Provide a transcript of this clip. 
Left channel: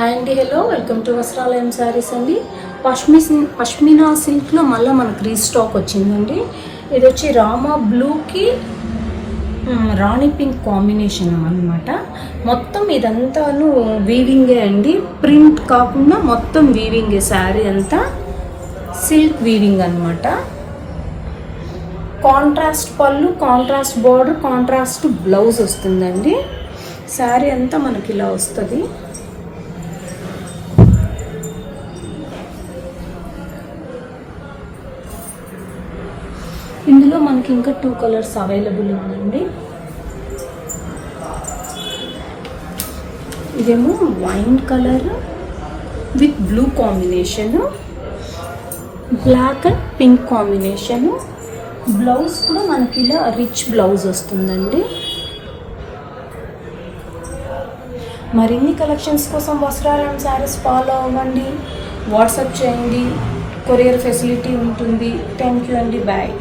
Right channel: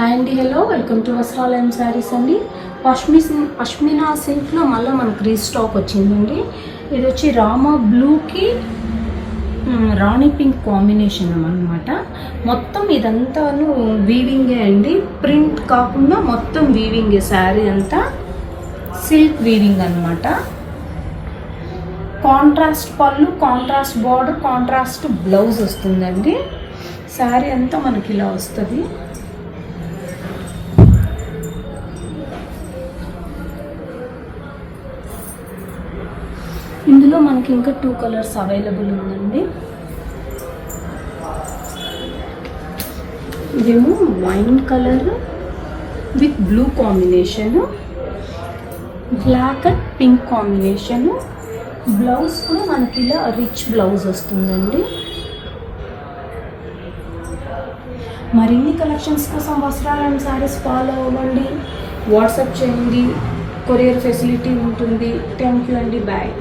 Hi అండి, hello, welcome to వస్త్రాలయం saris అండి. పష్మినా సిల్క్లో మళ్ళీ మనకు రీస్టాక్ వచ్చిందండి. ఇది వచ్చి రామా బ్లూకి రాణి పింక్ కాంబినేషన్ అనమాట. మొత్తం ఇదంతా వీవింగే అండి, ప్రింట్ కాకుండా మొత్తం వీవింగే. శారీ అంతా సిల్క్ వీవింగ్ అనమాట. కాంట్రాస్ట్ పళ్ళు, కాంట్రాస్ట్ బార్డర్, కాంట్రాస్ట్ బ్లౌజ్ వస్తుందండి. శారీ అంతా మనకి ఇలా వస్తుంది. ఇందులో మనకి ఇంకా 2 కలర్స్ అవైలబుల్ ఉందండి. ఇదేమో wine colour with blue combination, black and pink combination. Blouse కూడా మనకి ఇలా రిచ్ బ్లౌజ్ వస్తుందండి. మరిన్ని కలెక్షన్స్ కోసం వస్త్రాలయం శారీస్ ఫాలో అవ్వండి, వాట్సాప్ చేయండి, కొరియర్ ఫెసిలిటీ ఉంటుంది. థ్యాంక్ యూ అండి, బాయ్.